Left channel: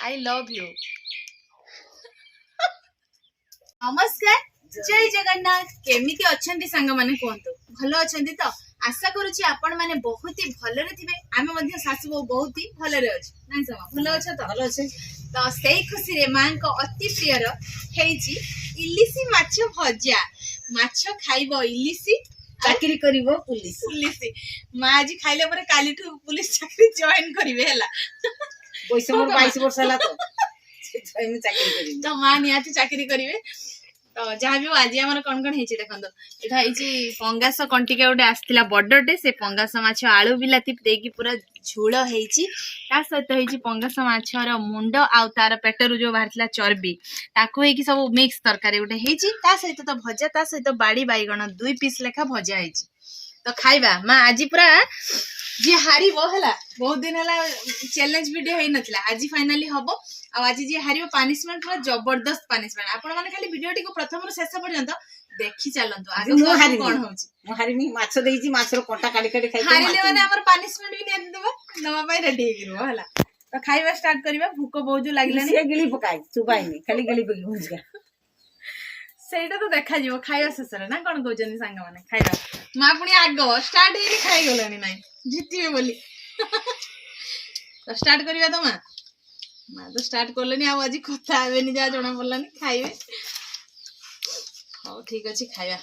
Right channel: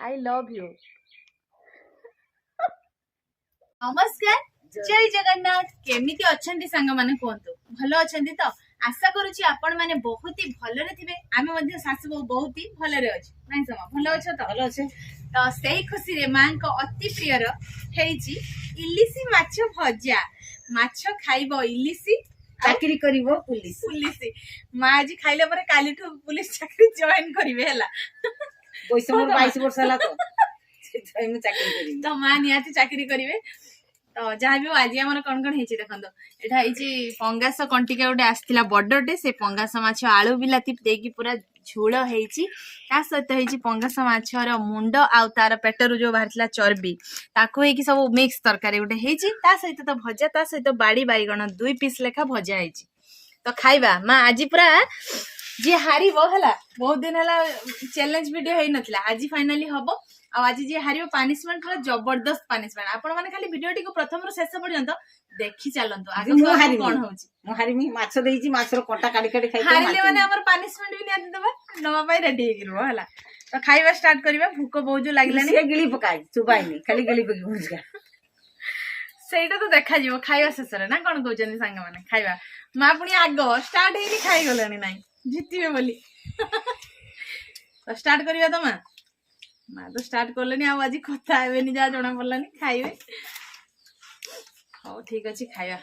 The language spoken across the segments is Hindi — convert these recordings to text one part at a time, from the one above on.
I love you. नमस्कार जय जगन्नाथ केमिति अछंती संग माने कोंतो भलो अछंती तो आशा करूची आपण माने बहुत ही भलो रे थिबे आमे मध्ये सासु बहुत ही भलो रे अछि नै समा भलो अछ तो भलो अछि तो सेई खुशी रे मां को अति प्रिय रो हेची इलिसी माछ भजा माछ खाइबो इलिसी चाकरी करिवो पुलिस पुलिस मां आज खाइले पर काली ठु पुलिस चाकरी जॉइन करिवे हला पैसा मोर 22 वर्ष हला तो जॉइन चाकरी करिवो तो मां नियाती चाकरी करिवे तो जहाँ भी आज आम कौन कौन होती देखो यहाँ पंगास कंटिका गोटे आसला बड़टे से पंगास माछ आलू बिलाती देकी पूरा झोल होती सहित पंगास माछर मुंड आउ तार पेटर जो बाहर चर्बी ताकू होगी सब मिक्स तरकारी गोटे होती सहित तो भजा ता सहित बाड़ी बैगण 2 पीस लेखा भजा है तो खाइबा माँ आज पूरा जी हार बहुत दिन है चैलेंज वीडियो हो नाला आज फाइनाली हम आज जी हार पनिशमेंट पूरा जबरदस्त पनिशमेंट आपण माने खाली वीडियो टी को प्रथम रु शेष पर्यंत देखि चलंतु आगे कोन होची मो हारिमी माछ देइची माछर कोटा काडी काडी खाइ हारिले माने हमर पनिशमेंट भी निया देबा नवा पाई रेडी हे गिरबो हला तो खाइबा स्टार्ट करिबा भूख बहुत जो लागलानी से गिली पकाई चुबाइनी खाली गिली पकी भुजगा सेटा तो देखा जीवो खाइबा शेष रे ना कोन कहउचनी संग माने खाइबा मा पुनी आगो स्टार्ट हेरी खाइ गलानी नाही जीतिबे बोली तो स्टार्ट करिबा तो माँ तो स्टार्ट करले आज कथा हेनी जहाँ जना पड़लानी खाइबे हाँ ठीक अच्छे खाइबा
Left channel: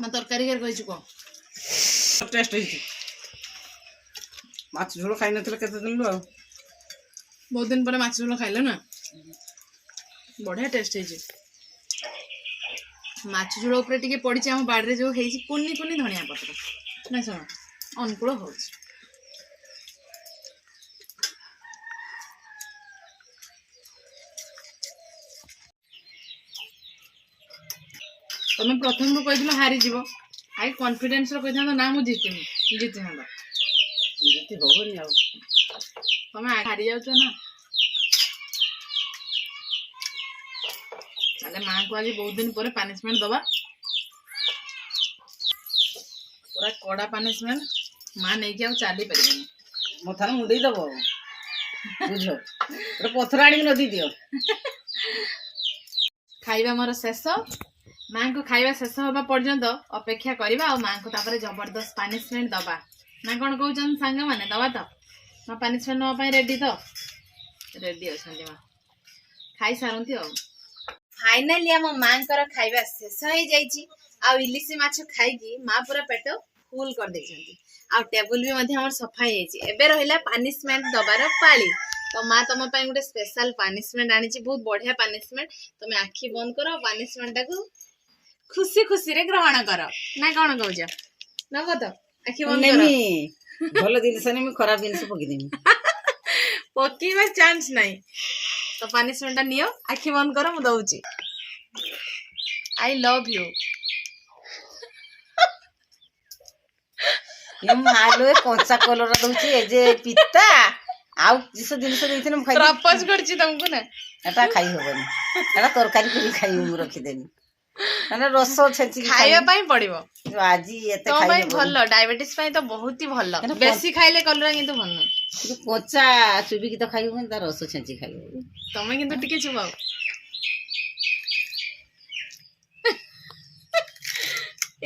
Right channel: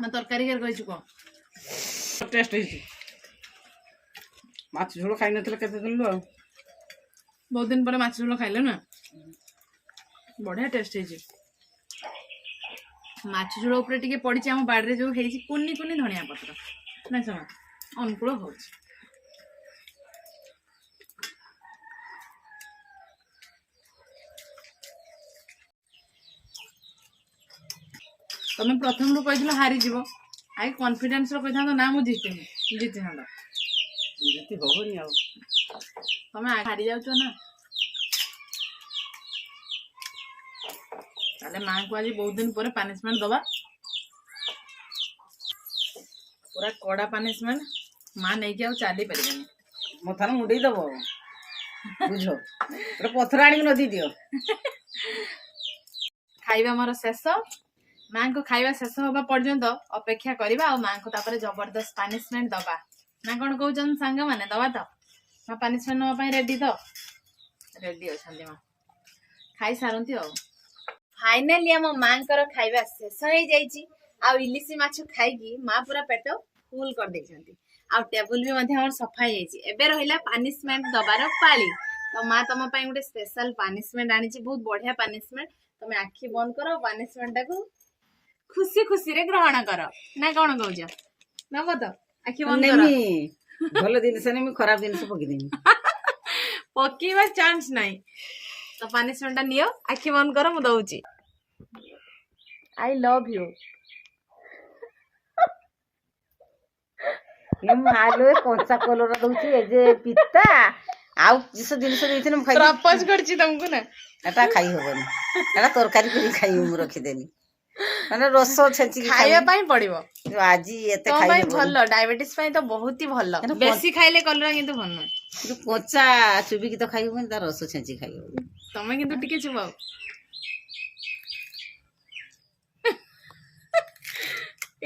ना तरकारी कर कहि को टेस्ट होई माछ झोल खाइ नथले केते दिन लो बहुत दिन पर माछ झोल खाइले ना बढ़िया टेस्ट है माछ झोल ऊपर टिके पड़ी हम बाड़ी जो है कुनी कुनी धनिया पत्र ना सुन अनुकूल हो तुम प्रथम रू कही हारी जीव आई कॉन्फिडेंस रो कही ना मु जीती जीती हाँ जीती होबनी आ तुम हारी जाऊ ना ताले मां को आज बहुत दिन पर पनिशमेंट दबा पूरा कड़ा पनिशमेंट मां नहीं के चली पारिबनी मो थार मुंडई दबो बुझो रे पथर आनी नदी दियो खाइबा मोर शेष मां को खाइबा शेष होबा पर्यंत अपेक्षा करबा और मां को तापर जबरदस्त पनिशमेंट दबा ना कोन कहउचन संग माने दबा तो मां पनिशमेंट नवा पई रेडी तो रेडी अछन मां खाइ सारंती हो फाइनली हम मां कर खाइबा शेष हो जाईची आ इलिसी माछ खाइकी मां पूरा पेट फुल कर देछंती आ टेबल भी मध्ये हमर सफा जाईची एबे रहिला पनिशमेंट दबार पाली तो माँ तुम गोटे स्पेशल पनिशमेंट आनी बहुत बढ़िया पनिशमेंट तुम आखि बंद कर पनिशमेंट टाक खुशी खुशी रे ग्रहण कर ना कौन कहूच नब तो आखि बंद कर भलो जिनस नहीं खराब जिनस पकी देमी पकेबा चांस नहीं तो पनिशमेंट नियो आखि बंद कर मु दउची आई लव यू मालो कंचा कलर दउची ए जे पिता आउ किस जिनस देइथिन खाइ प्रपोज करछि तुमको ना एटा खाइ होबनी एटा तरकारी करी खाइ मु रखि देनी माने रस छेची खाइबा पई पड़िबो आज एते खाइ होबो तो भलो डायबिटीज पई तो बहुत ही भलो बेसी खाइले कलरा किंतु भलो किंतु कोचा चुबी की तो खाइ होबनी ता रस छेची खाइ होबो तमे किंतु टिके चुबाओ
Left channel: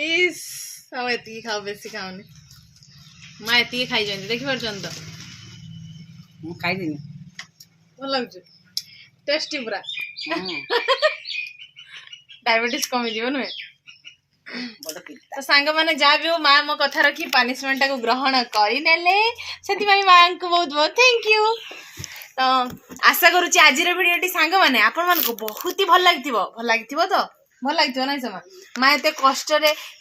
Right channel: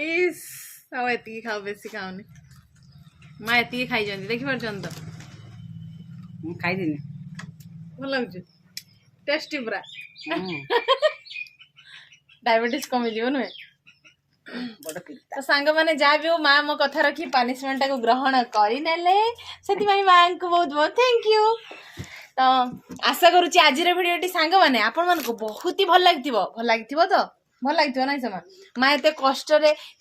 इस अब एति खाओ बेसी खाओनी माँ एति खाई जानी देखि परछन तो मु खाइ दिनी भल लागछ टेस्टी पूरा हम्म, डायबिटीज कमी जीव नुहे बड़ पिता तो सांग माने जहाँ भी हो माँ मो कथा रखी पनिशमेंट को ग्रहण करने से माँ को बहुत बहुत थैंक यू तो आशा करुच्ची आज भिडियोटी सांग मैंने आपण मान को बहुत ही भल लगी तो भल लगी ना समा माँ एत कष्ट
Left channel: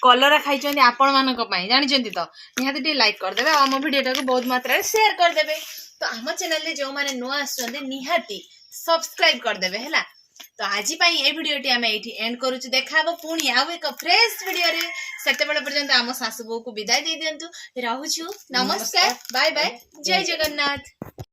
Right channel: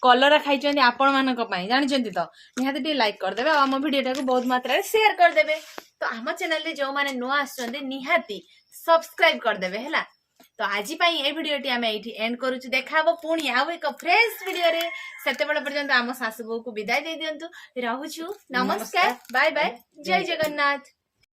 कलरा खाई आपण मान जानी तो निहाती लाइक करदे आम भिडियोटा को बहुत मात्रा शेयर करदे तो आम चैनल जो मैंने नुआ निहाती सब्सक्राइब करदे है तो आज ये भिडियोटी आम ये एंड करुचु देखा पुणी आउ एक फ्रेश भिडियो रे सेते बेले पर्यंत आम सासु बो को विदाई दे दियंतु रहूछु नमस्कार बाय बाय जय जगन्नाथ।